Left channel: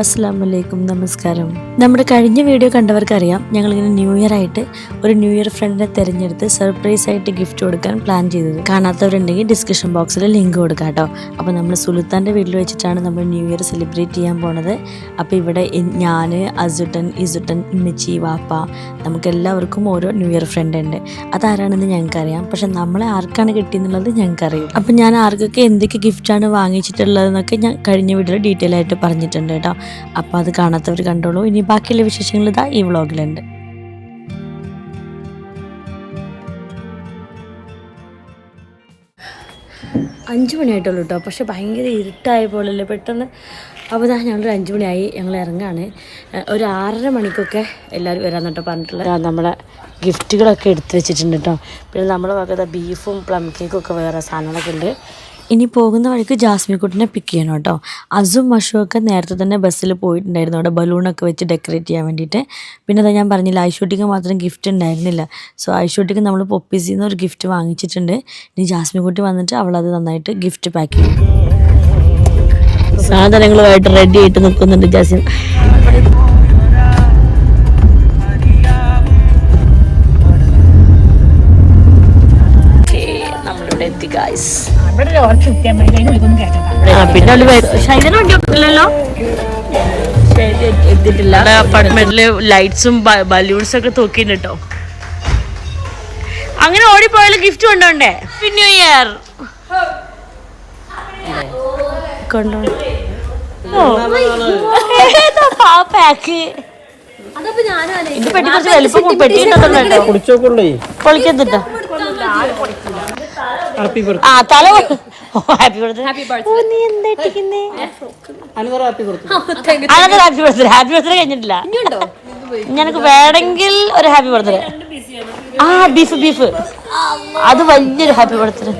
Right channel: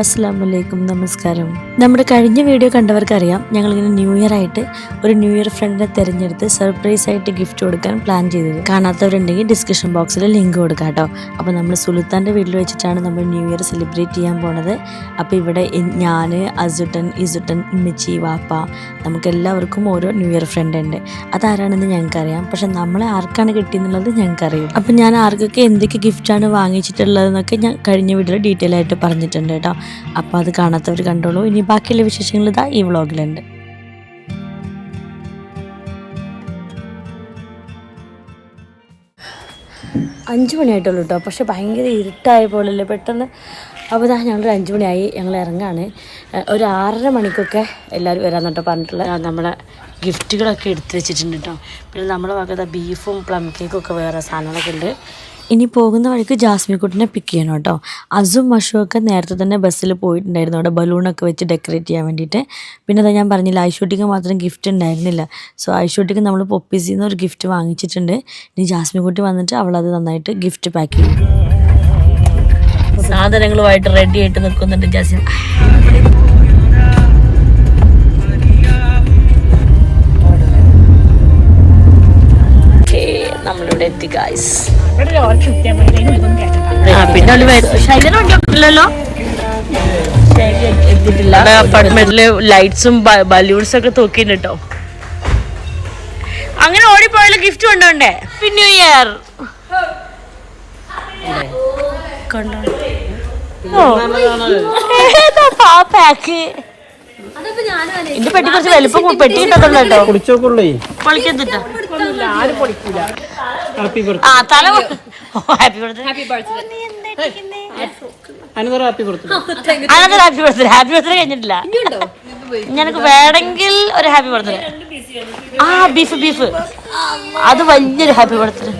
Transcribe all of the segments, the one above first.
അസ്സാം വലൈക്കും നമസ്കാരം. നമ്മുടെ കഴിഞ്ഞ വീഡിയോ കണ്ടവർക്കറിയാം ഞങ്ങളിങ്ങനെ ന്യൂ ഇയർ ആയിട്ട് ഒരു ന്യൂ ഇയർ ഫ്രണ്ടിനെ തിരഞ്ഞെടുത്ത് സർപ്രൈസ് ആയിട്ട് ഗിഫ്റ്റ് കൊടുക്കാൻ പ്ലാൻ ചെയ്തത്. കാണാത്തവരുണ്ടെങ്കിൽ ഡിസ്ക്രിപ്ഷൻ ബോക്സിൽ ലിങ്ക് കൊടുക്കാം കേട്ടോ. അപ്പോൾ നമ്മൾ സുൽത്താന്റെ വീട്ടിൽ വെച്ചിട്ടാണ് നമ്മൾ ന്യൂ ഇയർ സെലിബ്രേറ്റ് ചെയ്യാൻ പോണത്. അപ്പോൾ ഇവിടെ ഞാൻ അസുട്ടൻ ഇസുട്ടൻ ഇമ്മച്ചി വാപ്പ നമുക്ക് എല്ലാവർക്കും ഓരോ ന്യൂ ഇയർ ഫ്രണ്ട് ഉണ്ട്. അതാരാണെന്ന് ഞങ്ങൾക്കറിയാം. പക്ഷെ നമ്മളെ ആർക്കാണ് കിട്ടിയെന്നുള്ളത് ഞങ്ങൾക്കറിയും അപ്പം ഞാൻ ആർക്കൊക്കെ എന്തൊക്കെ ഗിഫ്റ്റാണ് വാങ്ങിച്ചിട്ടുള്ളതെന്നൊക്കെ ഞാൻ കഴിഞ്ഞ വീഡിയോയിൽ ഡീറ്റെയിൽ ആയിട്ട് പറഞ്ഞിട്ടുണ്ട് കേട്ടോ. അപ്പോൾ അത് കാണാത്തവർ കണ്ടോളൂ. ഇനി ബാക്കിയുള്ള വിശേഷങ്ങൾ ഇതാ ഈ വ്ളോഗിലുണ്ട്. അഞ്ച് മണിയായിട്ടുള്ളൂ കേട്ടോ. പക്ഷെ ഭയങ്കര ഇരുട്ടായ പോലല്ലേ. പെട്ടെന്ന് അപ്പോൾ ഇതാ ഞങ്ങളൊരു അഞ്ച് മണിയായി. ഞങ്ങൾ ഇറങ്ങാണ്. ഒരു ആറര മണിക്കൊക്കെ എല്ലാവരും വരാൻ കേട്ടോ പറഞ്ഞിട്ടുള്ളത്. നമ്മുടെ ഗിഫ്റ്റുകളൊക്കെ എടുത്തു വെച്ചിട്ടുണ്ട് കേട്ടോ. പിന്നെ നമ്മുടെ ഭാഗത്ത് ബീഫും പ്ലം കേക്കും ഒക്കെ വേറെ സാധനങ്ങളൊക്കെ ഉണ്ട്. ഇനി പോകുന്ന വഴിക്ക് ജാസ്മിക്കുട്ടിനെ പിക്ക് ചെയ്യണം കേട്ടോ. അസും മഷും ഒക്കെ നേരത്തെ തന്നെ ബസ്സിൽ പോയിട്ടുണ്ടായിരുന്നു. അവിടെ ബലൂണൊക്കെ വെച്ച് ഡെക്കറേറ്റ് ചെയ്യാൻ വേണ്ടിയിട്ട്. പിന്നെ അതാ ഞാൻ പറഞ്ഞില്ല ഐഷൂട്ടിക്ക് മാത്രം ഗിഫ്റ്റ് ഉണ്ടായിരുന്നില്ല. സോ ഐഷൂട്ടിക്ക് നമ്മൾ പൊപ്പീസിൽ നിന്ന് ഒരു ഗിഫ്റ്റ് വാങ്ങിച്ചിട്ടുണ്ട്. ഇനി ജാസ്മിക്കുട്ടി വന്നിട്ട് അവളത് നന്നായിട്ട് ഗിഫ്റ്റ് പാക്ക് ചെയ്യും. സാധനങ്ങളുമായിട്ട് റെഡി ആയിട്ട് നിൽക്കുന്നുണ്ട് ജാസ്മിൻ. നമ്മളിവിടെ എത്തി ഗായ്സ് പിന്നെ എത്തിയിട്ടില്ല. അപ്പാർട്ട്മെന്റിൽ ലൈറ്റ്സും ബലൂൺസ് ഒക്കെ തൂക്കിണ്ട് കേട്ടോ അങ്ങനെ ഓടിപ്പോയാലും ഗിഫ്റ്റ് കൊണ്ടോണ്ടേ ന്യൂ ഇയർ കൊണ്ടോ? പാക്ക് ഇത് പെട്ടി കുറച്ച് വലുപ്പം പെട്ടി കിട്ടത്തുള്ളൂ കേട്ടോ പൊളിക്കത്തിട്ടോ ഹാപ്പി ആ തല ഹാപ്പി ബർത്ത്ഡേ ഹാപ്പി ബർത്ത്ഡേ നീ എന്താ ഇട്ടിരിക്കുന്നേ? Birthday happy birthday happy birthday happy birthday കഴിഞ്ഞിട്ടില്ല. ഞങ്ങൾക്ക് വേണമെങ്കിൽ ഒരു ഹാപ്പി ബർത്ത്ഡേ ആ ബീഫ് ബീഫ് അത് വലിയൊരു ഹാപ്പി ബർത്ത്ഡേ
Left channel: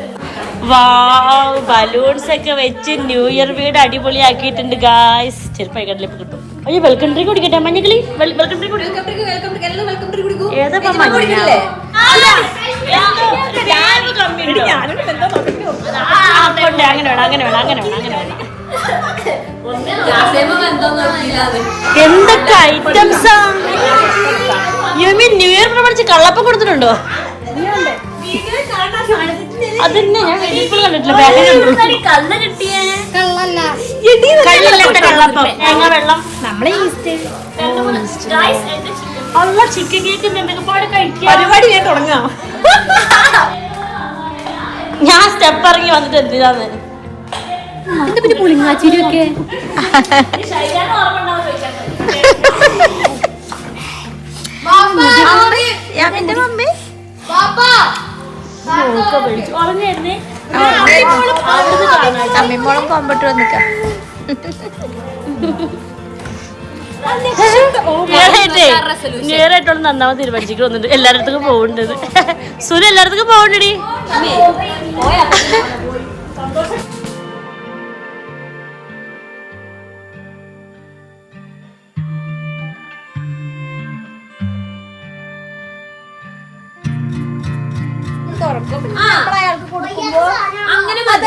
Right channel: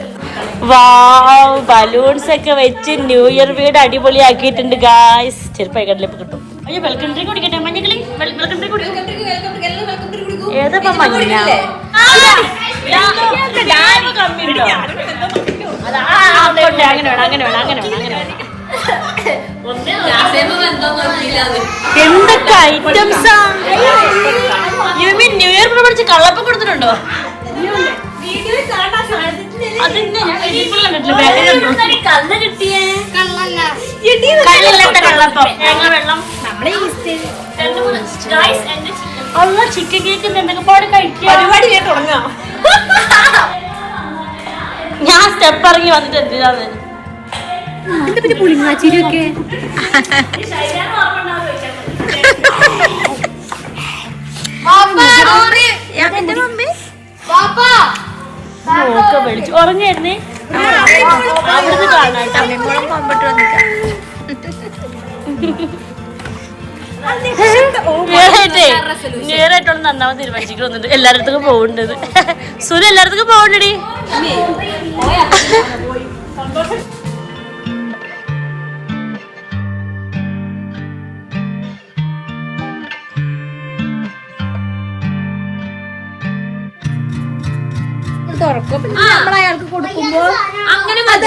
വാവ് ബലൂൺസ് ഒക്കെ വെച്ച് ന്യൂ ഇയർ വീട് അടിപൊളിയാക്കിയിട്ടുണ്ട് ഗായ്സ് ചെറുപ്പ കടലിപ്പ് കിട്ടും. ഈ വെൽക്കം ഡ്രിങ്ക് കുടിക്കട്ടെ മഞ്ഞക്കിളി. വെൽക്കം ഡ്രിങ്ക് കുടിക്കും. ഏതാ മഞ്ഞ? അങ്ങനെ അങ്ങനെ എന്തൊക്കെ ഐറ്റംസാ യു മീൻ ന്യൂ ഇയർ പ്രമാണിച്ച് കള്ളപ്പം കൊടുത്തിട്ടുണ്ടോ? അതിന്നെ ഞാൻ കള്ളില്ലാത്ത കള്ളപ്പം. തേങ്ങ വെള്ളം അല്ല ചിക്കൻ കേക്ക് എന്തൊക്കെ പാട് കഴിക്കാം? ഞാൻ സ്റ്റെപ്പ് ഇറങ്ങി വന്നിട്ട് എന്തിനാന്ന് നോക്ക വിളിച്ചു. ഉറങ്ങായിരുന്നേ അവിടുന്ന് കാണാം. അമ്മിമോളും കൊമ്പിട്ട് വന്നിക്കാം നേരായിട്ടുള്ള നന്നാമത് തീരുമാനിച്ചിട്ട് വന്നിട്ട് എല്ലായിടത്തും പോകുന്നുണ്ട് സുന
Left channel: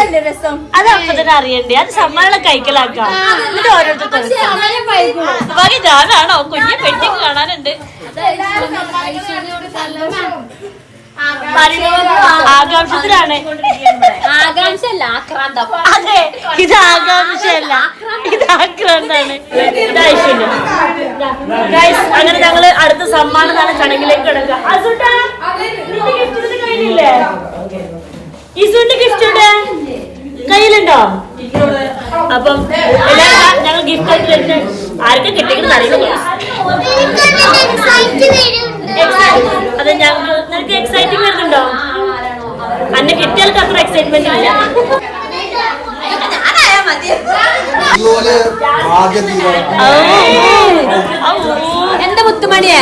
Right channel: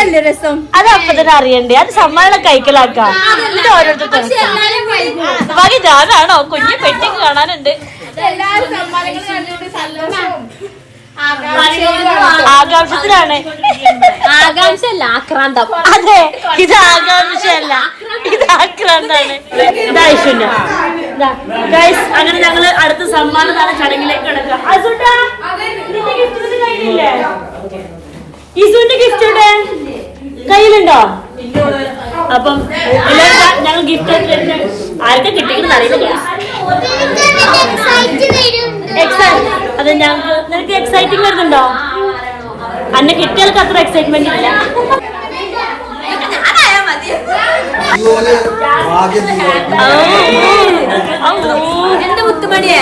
എല്ലായിടത്തും പോകുന്നുണ്ടടി അത് അപ്പൊ തന്നെ അറിയണ്ടേ. അത് സമ്മാനം കഴിക്കലാക്കാം എന്നിട്ട് ഓരോരുത്തർ ബാക്കി ഞാനാണോ? കുഞ്ഞു പെട്ടിക്ക് കാണാനുണ്ട്. ആകാംക്ഷത്തിലാണ്. ആകാംക്ഷല്ല ആക്രാന്തം. അതെ ഇത് ആകാംക്ഷയല്ല. ഇത് ആക്രാന്താണ്. അങ്ങനെ ഞങ്ങൾ അടുത്ത സമ്മാനം നാളെ ചടങ്ങിലേക്ക് കിടക്കുക. അസുട്ടാ ഇസുവിന്റെ ഗിഫ്റ്റ് ഇവിടെ കയ്യിലുണ്ടോ? അപ്പം എല്ലാവരും ഞങ്ങൾ ഗിഫ്റ്റ് ആർക്കും കിട്ടിക്കണെന്ന് അറിയില്ല. അത് നിനക്ക് എക്സൈറ്റിംഗ് വരുന്നുണ്ടോ? അന്ന് കിട്ടിയാൽക്ക് അത്ര എക്സൈറ്റ്മെന്റ് ഇല്ല. ഓ ഓ എന്റെ മുത്തുമണിയെ?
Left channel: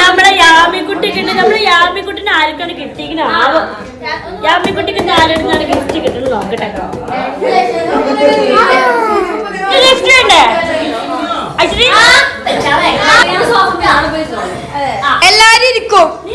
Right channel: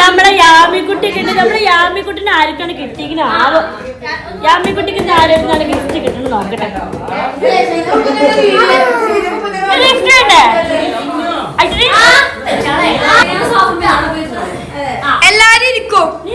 നമ്മളെ യാമിക്കുട്ടി ഉണ്ട് നമ്മളെ യാമിക്കുട്ടിന് ആർക്കാണ് കിട്ടിയിരിക്കുന്ന ആവോ. യാമിക്കുട്ടിക്ക് ആരോടാണ് ഗിഫ്റ്റ് കിട്ടുന്നത് നോക്കട്ടെ. എല്ലാരും ഇരിക്കും. നീ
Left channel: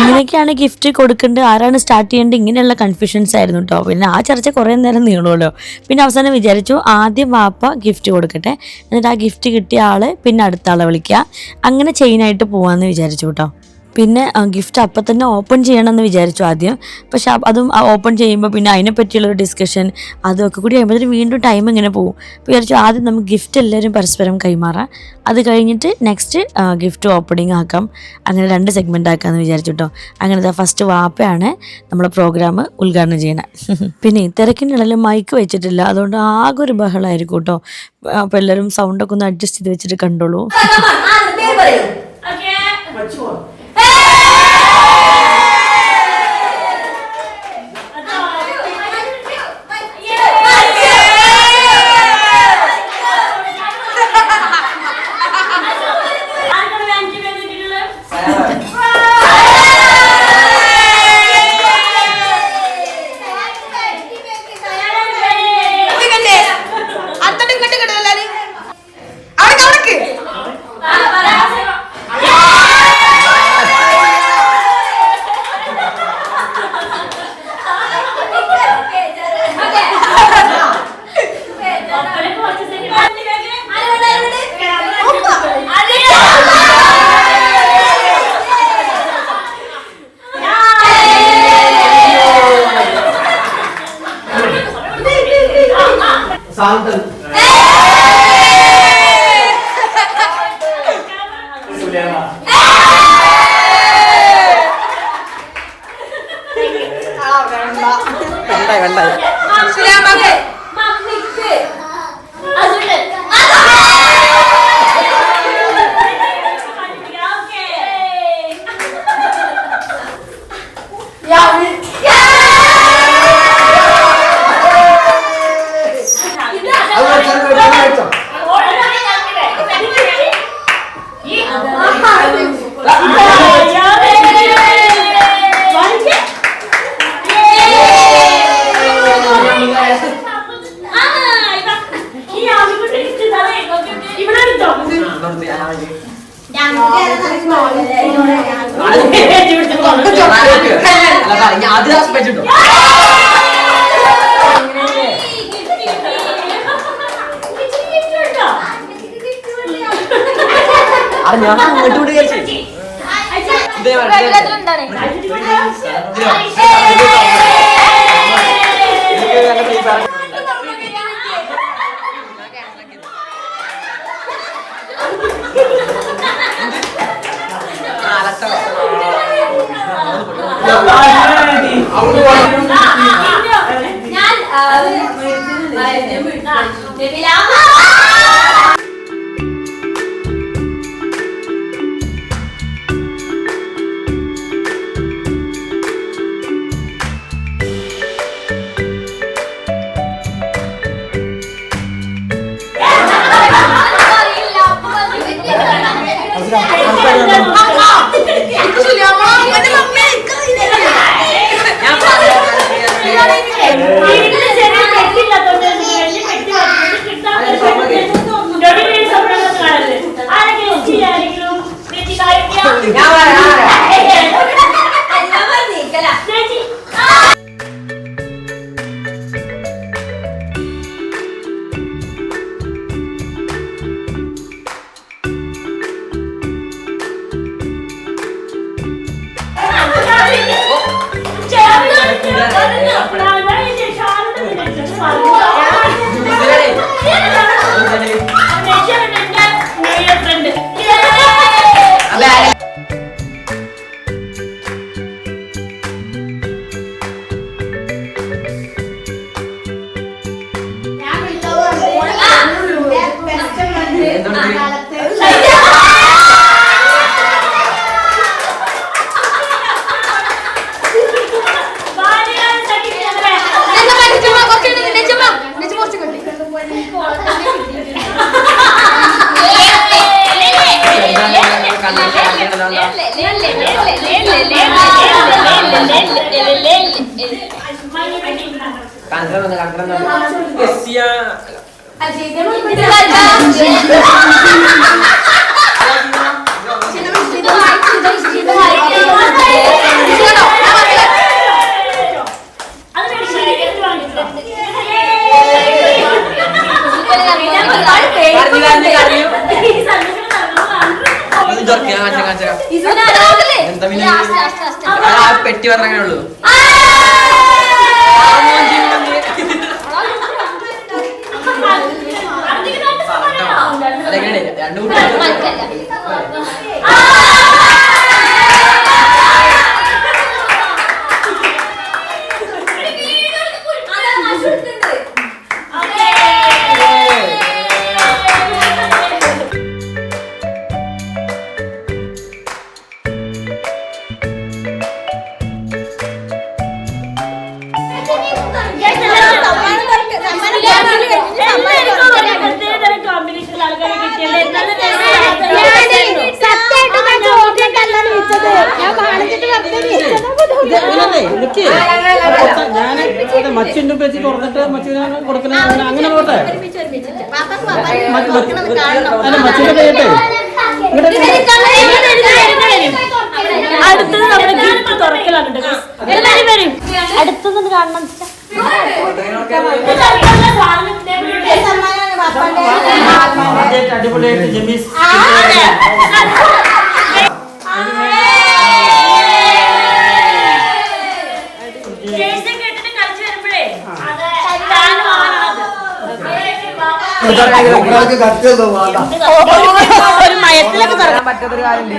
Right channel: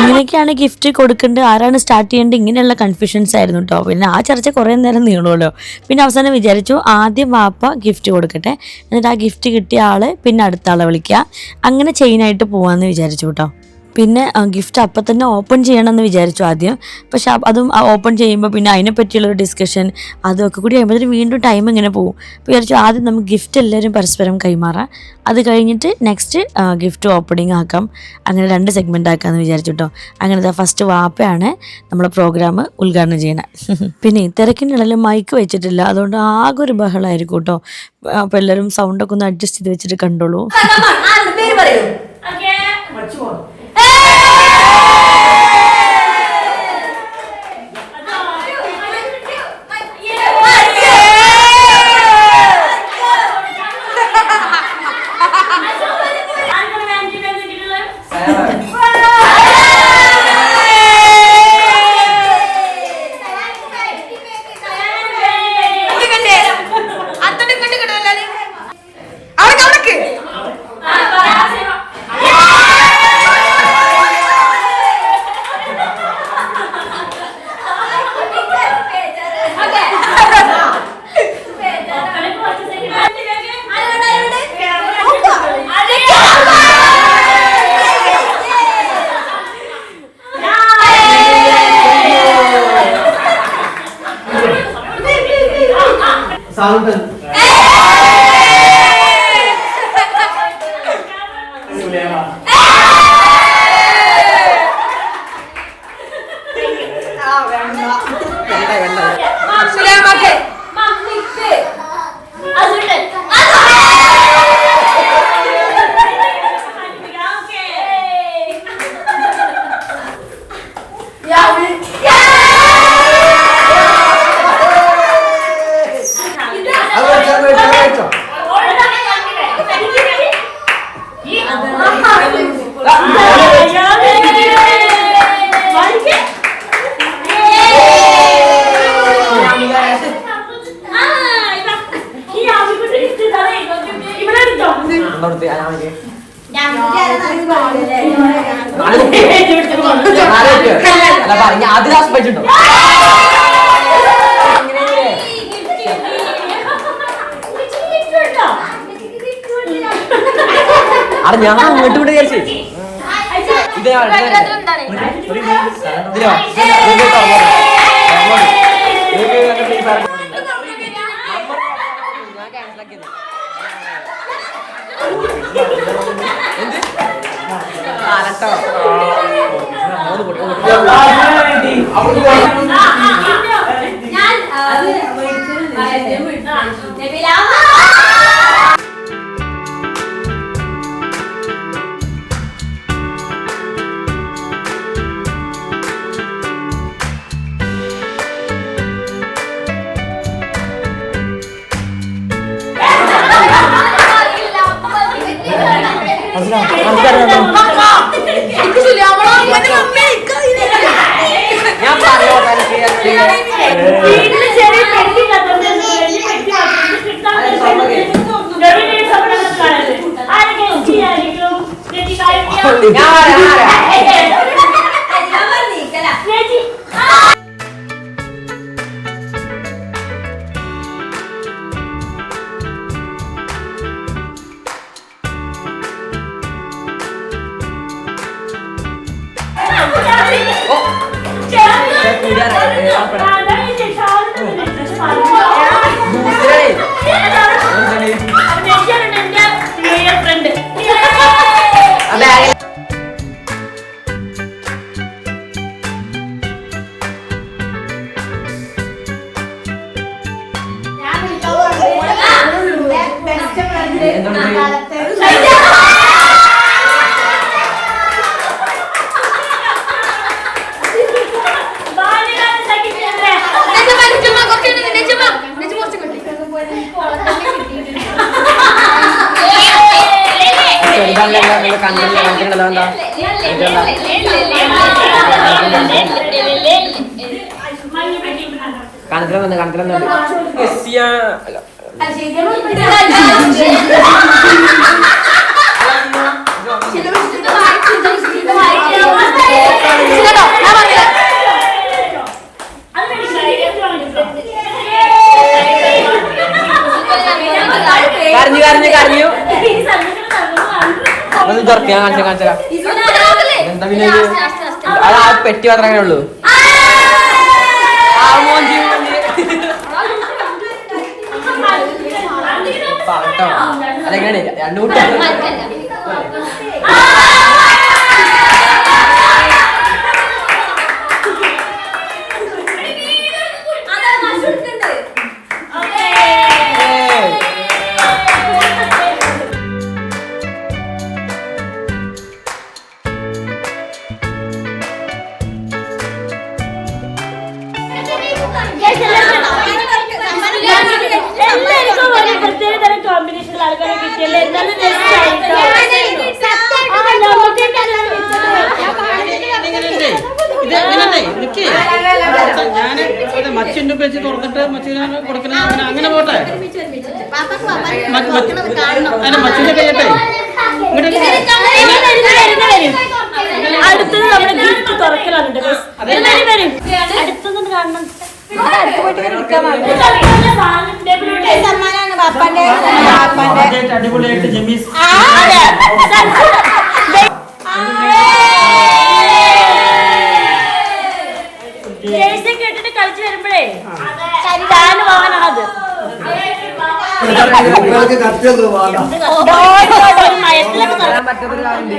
എങ്ങനെയൊക്കെയാണ് ഗിഫ്റ്റ് കൊടുക്കേണ്ടത്. ആരാണ് സ്റ്റാർട്ട് ചെയ്യേണ്ടത്? ഇങ്ങനെയുള്ള കൺഫ്യൂഷൻസ് ആയിരുന്നു കേട്ടോ പിന്നെ ആ ചർച്ച കുറേ നേരം നീളുമല്ലോ പിന്നെ അവസാനം വിചാരിച്ചു ആദ്യം വാപ്പ ഗിഫ്റ്റ് കൊടുക്കട്ടെ. എന്നിട്ട് ആ ഗിഫ്റ്റ് കിട്ടിയ ആൾ പിന്നെ അടുത്ത ആളെ വിളിക്കുക അങ്ങനെ ചെയിനായിട്ട് പോകാമെന്ന് വിചാരിച്ചു കേട്ടോ പിന്നെ ഗിഫ്റ്റ് അപ്പം തന്നെ ഓപ്പൺ ചെയ്യണമെന്ന് വിചാരിച്ചു ആദ്യം പക്ഷെ അതും ഓപ്പൺ ചെയ്യുമ്പോൾ പിന്നെ അതിനെ പറ്റിയുള്ളൊരു ഡിസ്കഷൻ അതൊക്കെ കൂടി കഴിയുമ്പോഴത്തേക്കും വീണ്ടും ടൈം ഇങ്ങനെ പോകും വിചാരിച്ചു ആദ്യം നമുക്ക് ഗിഫ്റ്റ് എല്ലാവരും പരസ്പരം കൈമാറാം അത് കഴിഞ്ഞിട്ട് നെക്സ്റ്റ് ഗിഫ്റ്റ് ഓപ്പണിംഗ് ആക്കാം അങ്ങനെ രണ്ട് സെഗ്മെന്റ് ആക്കാമെന്ന് വിചാരിച്ചു കേട്ടോ അങ്ങനത്തെ ഫസ്റ്റ് വാപ്പയാണ് നമ്മുടെ പ്രോഗ്രാം ഉദ്ഘാടനം ചെയ്യണത് പിന്നെ തിരക്കിനിടയിൽ മൈക്ക് വെച്ചിട്ടില്ല അതുകൊണ്ട് ആകെ ഒരു ബഹളമായിരിക്കും കേട്ടോ അപ്പോൾ എല്ലാവരും സൗണ്ടൊക്കെ ഒന്ന് അഡ്ജസ്റ്റ് ചെയ്ത് വെച്ചിട്ട് കണ്ടോളൂ സാന്തൻ ആദിവാസി പറ്റുണ്ടോ അത് ഞാൻ അങ്ങോട്ട് cover. ഇത് ഞാൻ Galará, കണ്ടു you. തുറക്കുക കാണിച്ചാ കാണിച്ചാ എന്താ പിന്നെ അത് ആ പെട്ടി മാത്രമേ ഉള്ളൂ രണ്ടു കൂട്ടി അടുത്തത് നമ്മുടെ ഗിഫ്റ്റ് തുറക്കലാണ് കേട്ടോ വരും വരും. അടുത്തത് കാണണം. അടിപൊളിയായിട്ട് ജമീസ് താന് വാങ്ങണത് പറ്റാത്തൊരു കാര്യമില്ലേ?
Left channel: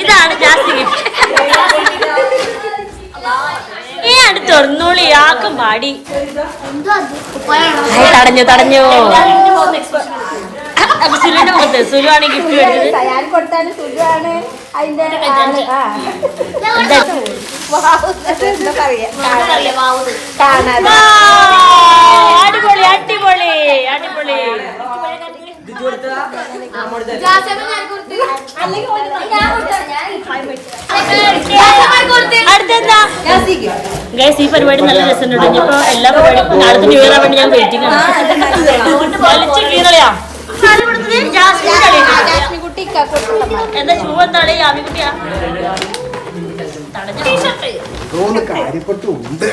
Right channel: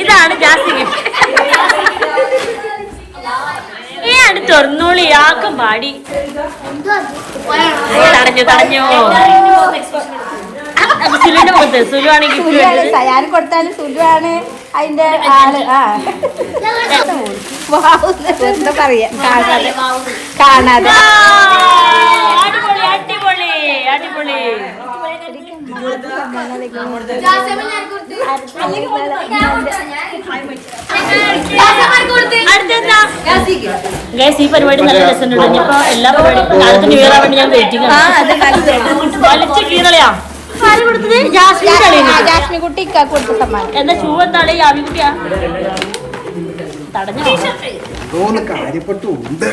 ഇതാണ് ജാസ്തി ഗിഫ്റ്റ് ഈ അടുത്ത് തുറന്നോളി ആക്കും പാടി. തടഞ്ഞു തടഞ്ഞു. സുലുവിന്റെ മുഖത്ത് സുലു ആണ് ഗിഫ്റ്റ് എടുത്തത് അടിപൊളി അടിപൊളി അടിപൊളി. ഗൈസ് ഈ പരിപാടി നല്ല രസമുണ്ട്. ഇനിയിപ്പോ എല്ലാ പരിപാടിയും നാളത്തെ ന്യൂ ഇയർ ആവേണ്ടി ഞാൻ വെയിറ്റിംഗ് ആണ്. വലിച്ച കീറളിയാ. ആര് കൊടുത്തത് ജാസ്മിന്റെ കളിയുണ്ട് എന്താ ഷൂ എന്താണ് യാമിക്കുട്ടിയാ തടഞ്ഞോ തോന്നുന്നു കാര്യപ്പെട്ടുണ്ട്.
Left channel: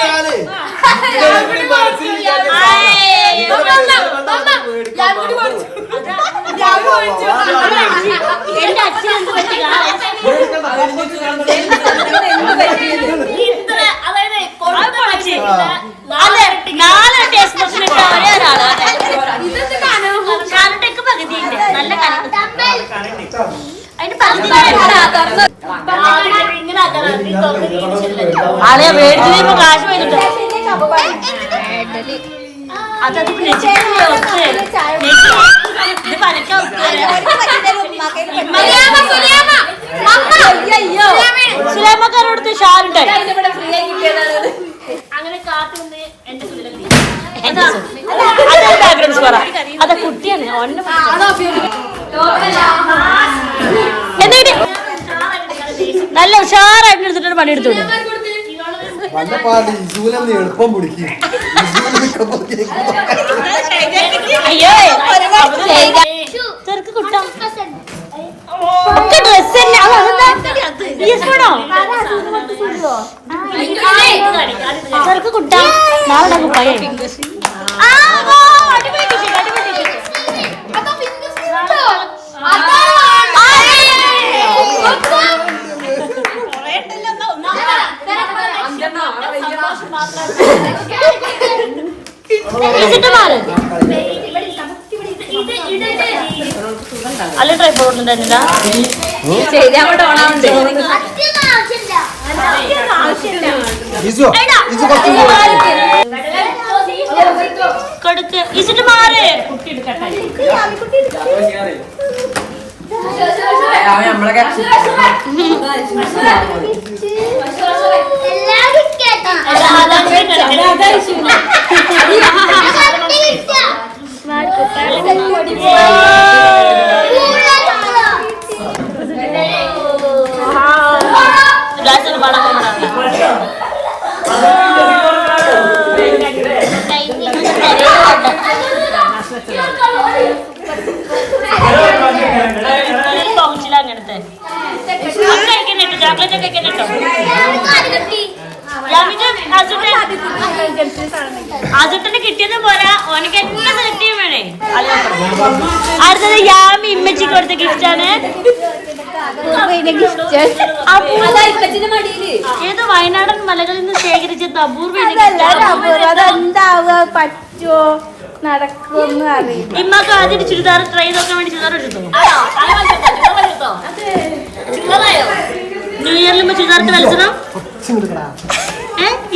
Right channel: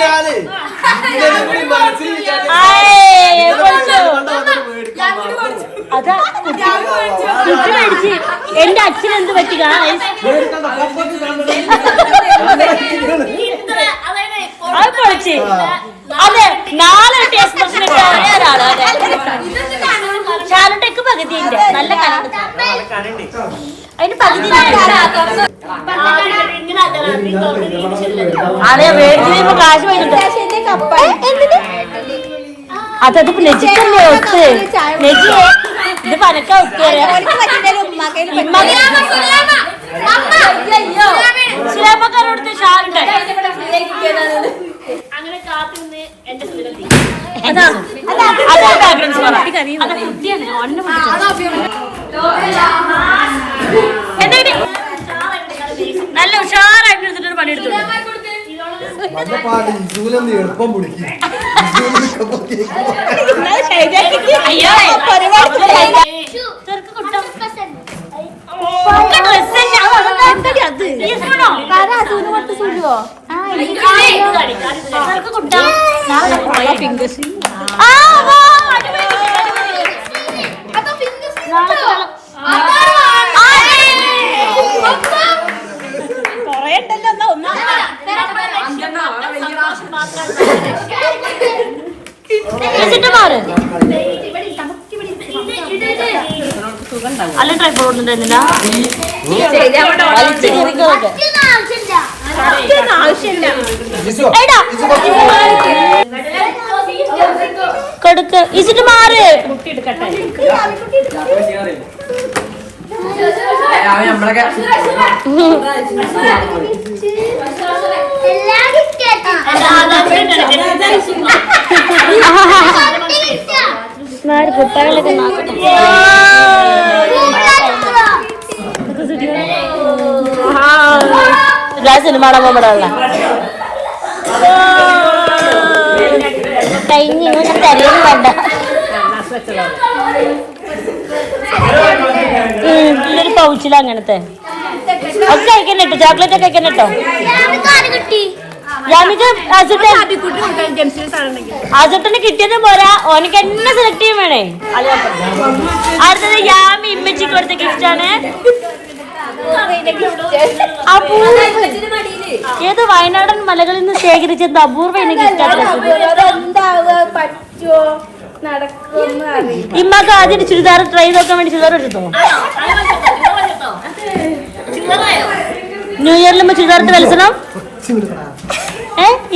ഞാനേ എന്റെ അച്ഛൻ എന്ത് പറ്റി? അത്. പൊളിച്ച്. അതെ നാല് ടേസ്റ്റ് ബസ്സിന് ഇട്ട ഒരേ ഒരാൾ അതെ കാലണ്ടൊക്കെ പകുതിയുണ്ട് നല്ല അതിന് പകുതി കാശ് പോയിട്ടുണ്ട് അതത് നെജിക്കല്ലേ ഒത്ത് നെജി ഇത് പനക്ക ഒത്തുവരാ ഇസ്ലാമക്കാരോടത്ത് ഷാറുണ്ട് അങ്ങനെ കാത്തുനിന്ന് എന്റെ അതെ. ബാക്ക്ഗ്രൗണ്ട്സ് പറ. അതെ കുട്ടിയാണ്. ഒന്നെ നല്ല ഉഷാറായിട്ട് എടുത്തിട്ട് പണിയെടുത്തു. മഞ്ഞപ്പാട്ട് ഇസൂലെന്ന് എളുപ്പം പിടിക്കും അയ്യോ അല്ല ട്രൈ ഒന്നുണ്ടായിരുന്നില്ല ഇസു ഇസു കുറച്ച് കൊടുക്ക് ഈസിട്ട് മാറ് അവൻ നമ്മളൊക്കെ സിനിമ നമ്മുടെ കഴിഞ്ഞ് ഇങ്ങനെ തരേന്ന് കണ്ട ഒരു അസട്ടന് കിട്ടിയത് പോലെ ഓനക്ക് എന്നെ സെലക്ട് ചെയ്യാൻ വേണേ. അടുത്തത് യാമി ഇമ്മച്ചി കൊടുത്ത ഗിഫ്റ്റാണ് ഏത് വയനാടൻ മലകളിൽ നിന്ന് ശേഖരിച്ചത് അപൂർവ ഇനം gift ഇമ്മക്ക് ആദ്യം ചുരിദാർ ട്രൈ ചെയ്യാൻ വേണ്ടി ചുരിദാർ ഇട്ടോ ന്യൂ ഇയറിൽ ചുരിദാർ കളിക്കണം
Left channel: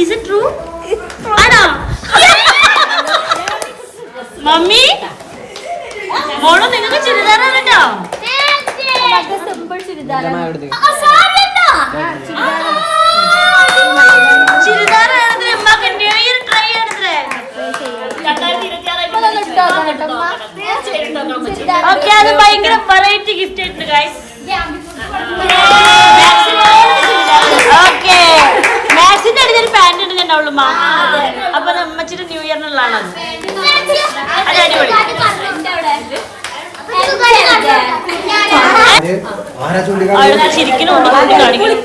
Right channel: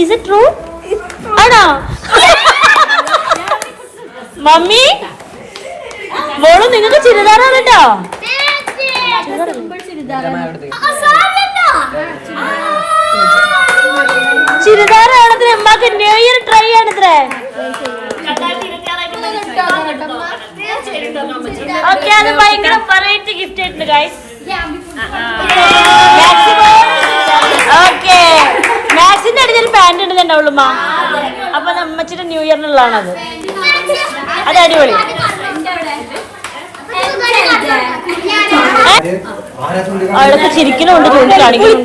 ഇസ് ഇറ്റ് ട്രൂ ആണോ? മമ്മി? മോൾ നിങ്ങൾക്ക് ചുരിദാറാണ് കേട്ടോ? ചുരിദാറാണത് അമ്മയ്ക്ക് ന്യൂ ഇയർ ട്രൈ ആണത്രേ ഓക്കെ അത് ഭയങ്കര വെറൈറ്റി ഗിഫ്റ്റ് ആയിട്ടുണ്ട് ഗൈസ് ഓക്കെ മാക്സിന്റെ ഒരു പാന്റ് ഉണ്ട് ഉണ്ടാവുള്ളൂ അപ്പൊ നമ്മച്ചിട്ട് ന്യൂ ഇയറിനുള്ളതാണത് അത്. അടിപൊളി. അവളൊക്കെ ചിരിക്കലുണ്ട് ചൂണ്ടിക്കാണിക്കുന്നു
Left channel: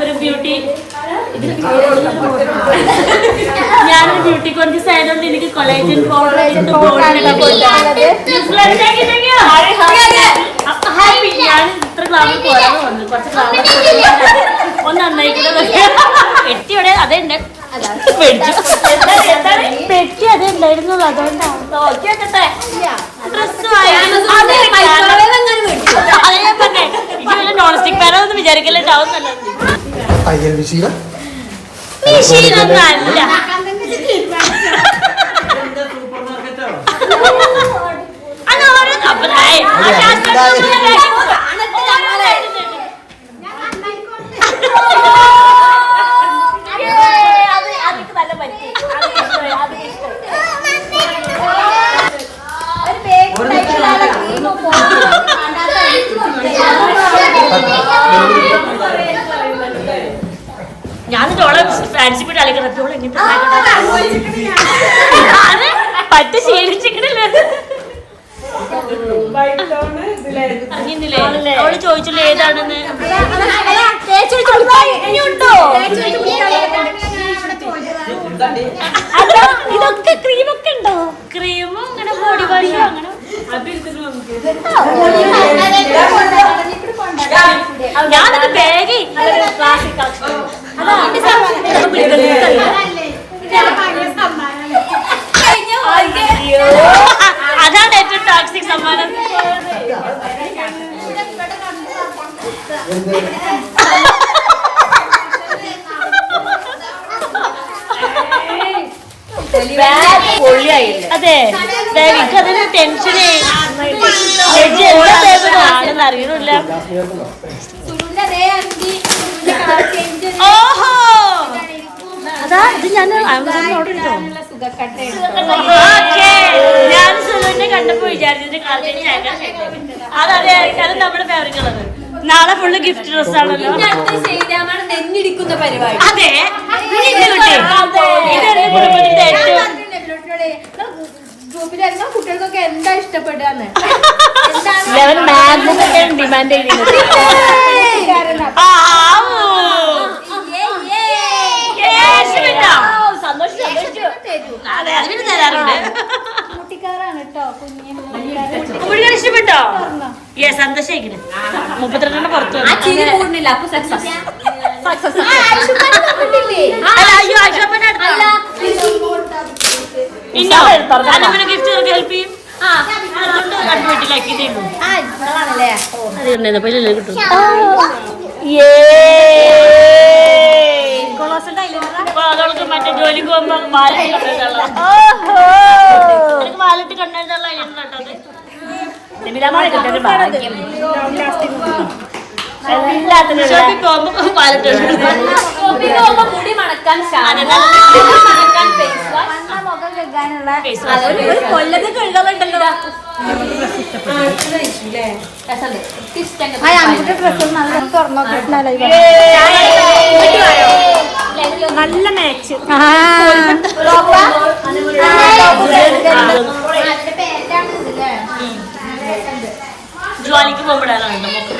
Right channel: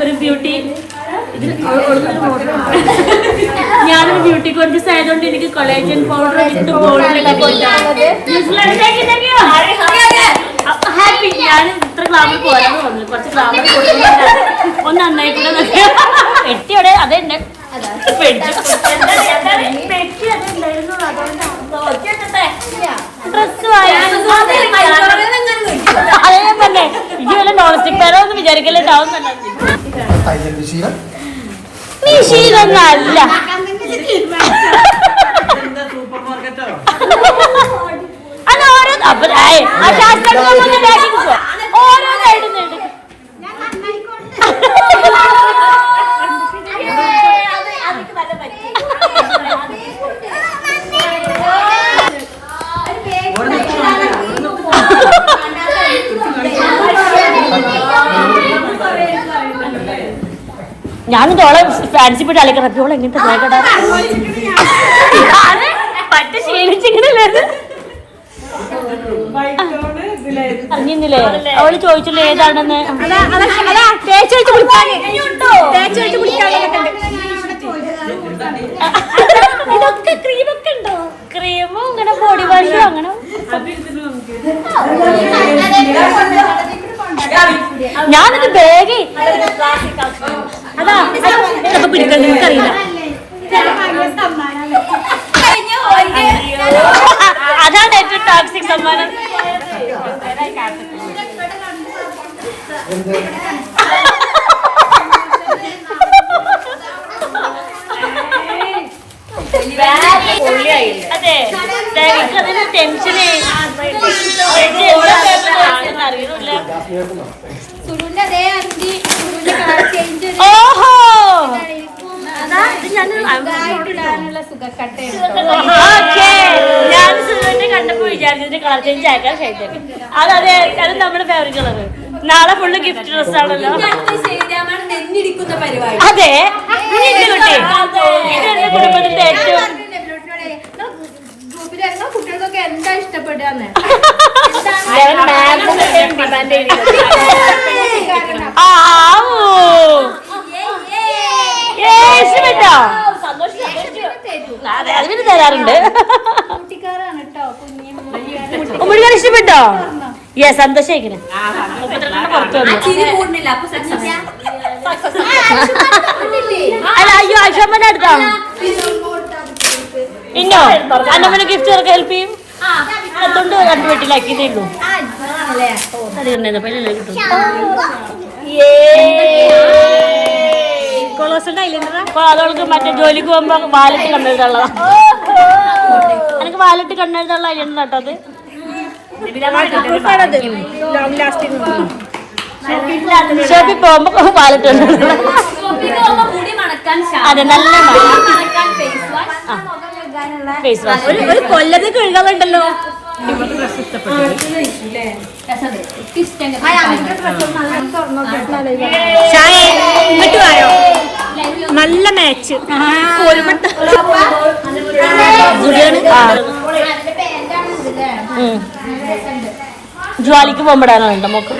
ഒരു ബ്യൂട്ടി ഞാനൊരു ബ്യൂട്ടി കോൺഷ്യസ് ആയതുകൊണ്ട് എനിക്ക് കൊളേജൻ പൗഡർ വിത്ത് ഹാപ്പി ഞാൻ ഇത്ര ക്ലാമർ പോരാന്ന് തോന്നുന്നു. കുറച്ച് ഗ്ലാമർ ഒന്ന് നന്നായി എട്ടിയോടെ പെട്ടിയോടെ അതേ ഉണ്ട്. പെട്ടി അതേ ഉണ്ടായിരുന്നു അതുകൊണ്ടാണ് ഡ്രസ് അതേ ഞാൻ പറഞ്ഞേ ഇത് വല്ല നോൺ സ്റ്റിക് പേരോ എന്ന് വിചാരിക്കല്ലേ സൂപ്പർ മാർക്കറ്റോ അത് ഓരോ അപ്പൊ. ഓരോ side ൽ നിന്നും. ഒരു നിമിഷം ഞാൻ തോളെ ഫാൻസി പോയിട്ട് അലക്കണം അപ്പോൾ എങ്ങനത്തെ ഞാൻ പറ്റ അറിഞ്ഞില്ലേ അവൾ ചോദിച്ചില്ലേ ഏതാണെന്ന്? ഇതൊക്കെ ക്രീമൊക്കെ ഉണ്ടോ ക്രീമും അങ്ങനെ. ബോഡി വാഷും അങ്ങനെ ഞാനൊക്കെ ബാഗ് അതാണ് ഏറ്റവും ടോക്സിക് സമ്മാനം. അതെ. ടെൻഷനേ സുരുവിന്റെ അതേ അഞ്ചി ഓഹോ! ഞാൻ ഓക്കെ കണ്ടപ്പോ വിചാരിച്ചതിന്റെ കളർ ചേഞ്ച് അതതെ അത് നമ്മുടെ ഫേവറേറ്റ് കളർ നാളെ ഫുള്ള് ഗിഫ്റ്റ് ഡ്രസ് ആണല്ലോ. അതെ കുട്ടി. കുടുംബത്തിന്റെ ഏറ്റവും കുട്ടികൾക്കൊക്കെ എന്താ ഇഷ്ടപ്പെടുകയെന്ന്? ഡിമാൻഡ്? അതെ അത് പിന്നെ തരാറുണ്ട്. കുട്ടിക്കാരാണ് കേട്ടോ കുഞ്ഞു ഉമ്മടി ഇഷ്ടപ്പെട്ടോ യെസ് സന്തോഷിക്കണേ മുപ്പത്തിരണ്ടെണ്ണം പുറത്തു വന്നു. അല്ല അയ്യോ അക്ഷമ്മന്റെ അടുത്താ. ഇന്നോ? അന്നമ്മനെ ഗിഫ്റ്റ് തരക്ക് ഹെൽപ്പ് ചെയ്യും? കൊണ്ട് രണ്ടു വെട്ടിലാക്കിയതേ ഉള്ളൂ. അത് കണ്ടേ പൈലല്ലേ കിട്ടും? അപ്പൊ അതവൾക്ക് മറ്റേ ജോലിക്ക് പോകുമ്പോ വാലറ്റ് കണ്ണെഴുതുള്ള എനിക്ക് വാലറ്റ് കണ്ണെഴുതുള്ള അയ്യണ്ട കേട്ടത് ഷോപ്പിൽ പോകുമ്പോ വാലറ്റ് മണക്കാൻ അത് ശാമ്പു, നല്ല മാച്ച് ജ്വാലിക്ക് പോകുമ്പോഴാണ് വേണ്ട മോക്ക്.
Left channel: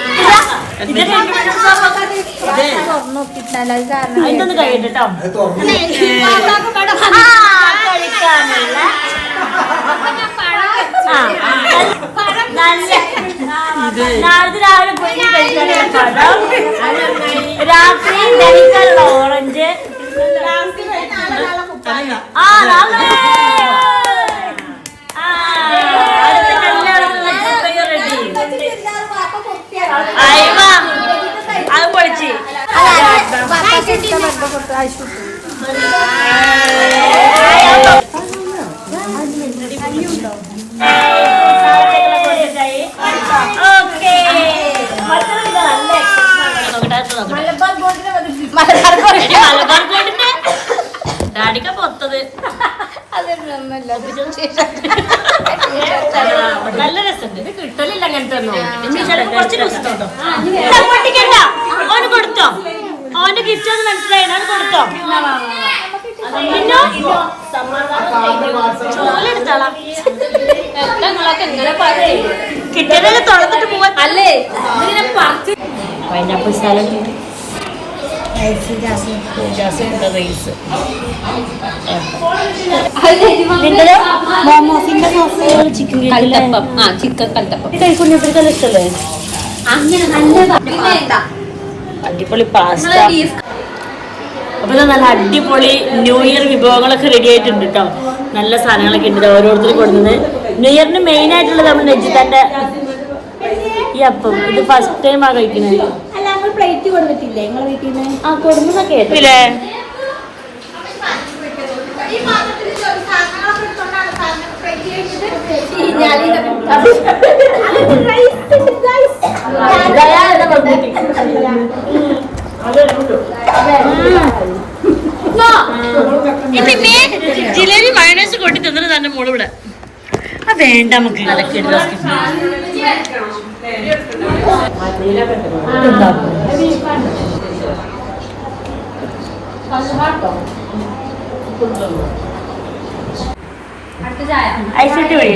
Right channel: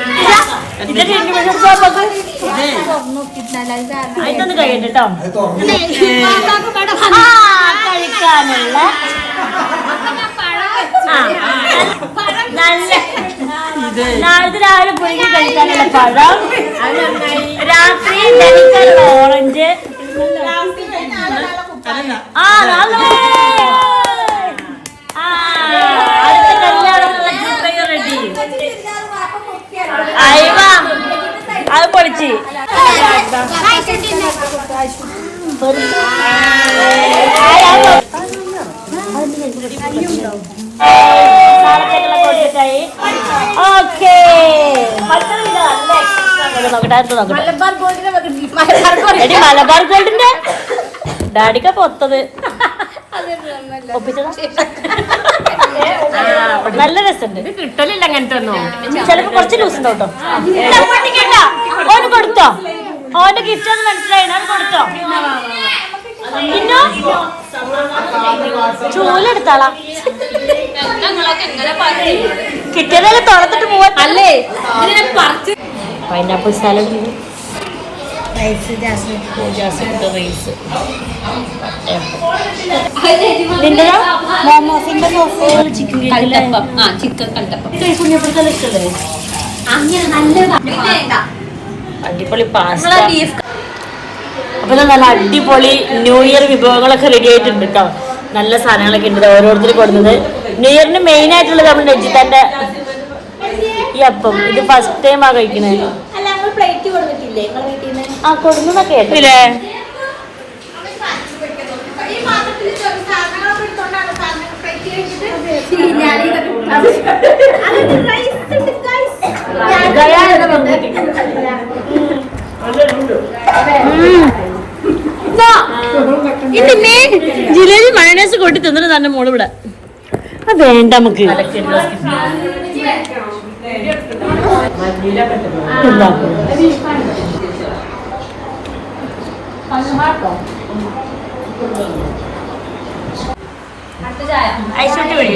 ഇതൊന്ന് കഴിയട്ടെ കഴിക്കാനുള്ള. നാളത്തെ രാവിലെ പുഴുങ്ങി കഴിക്കാനുള്ള പഴം. രാത്രി ധരിക്കാനുള്ള ഓറഞ്ച്. ആ നാളെ. ആ അടുത്ത കല്യാണത്തിനുള്ള റെഡി അയവ. അത് പൊളിച്ച്. നാളത്തേക്കുള്ള കൊടുത്തിട്ടായി. ഓക്കേ. മലബാർ ഗോൾഡിന്റെ ഡാഡിക്ക പൊത്തത് നല്ല രസമുണ്ട്. കിട്ടലില്ല അങ്ങനത്തെ കുറച്ച് ഉണ്ടോ കേട്ടോ? ഓന് കൊടുത്തോ. ഓന്റെ ഗിഫ്റ്റ് ഒന്ന് മനസ്സിലായി ഓന് കൊടുത്തോ. പിന്നോ ചൂലെടുത്താളാ. കിട്ടിയതൊക്കെ തുറന്നിട്ട് പോവാല്ലേ പൈനാപ്പിൾ സാലഡ്. അടിപൊളി പാസ്ത അപ്പൊ നല്ല അടിപൊളി ന്യൂ ഇയർ വിഭവങ്ങളൊക്കെ റെഡി ആയിട്ടുണ്ട് കേട്ടോ നല്ല സാധനങ്ങളൊക്കെ ഉണ്ട്. ഓരോരുത്തർ കൊടുക്കുന്നത് ന്യൂ ഇയറിന് മെയിൻ ആയിട്ടുള്ളത് നമ്മൾ നെജിത്താന്റെ ഈ അപ്പം. ഇത് ഫസ്റ്റ് ടൈം ആ കഴിക്കുന്നത് അല്ല നമ്മൾ പ്ലേറ്റ് കൊണ്ടിട്ടില്ലേ? നിങ്ങളെ വീട്ടിൽ നിന്ന് ആ കൊടുന്നതൊക്കെ കേട്ടില്ലേ? ജിലേബി മയണേസ് കൊട്ടി തിന്നിട്ട് തന്നെ മോൾ ഇവിടെ ആ വേണ്ട നമുക്ക് ഐശ്വര്യ വഴി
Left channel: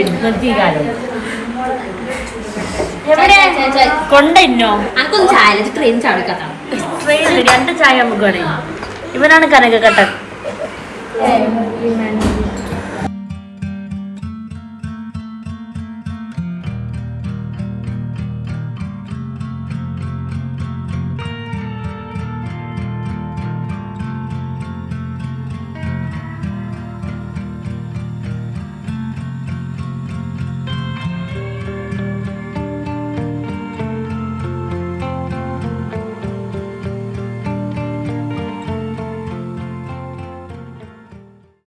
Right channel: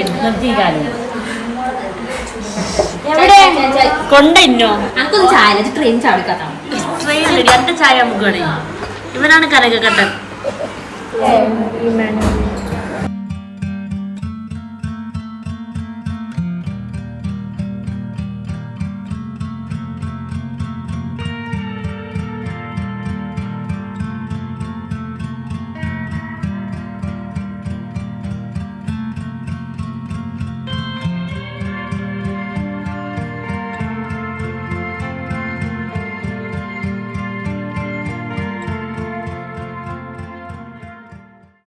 എവിടെ? കൊണ്ടോ അനക്കൊന്നും ചായ ട്രെയിൻ ചാടിക്കാത്ത ട്രെയിനിൽ രണ്ട് ചായ നമുക്ക് വേണേ. ഇവനാണ് കനകക്കട്ടൻ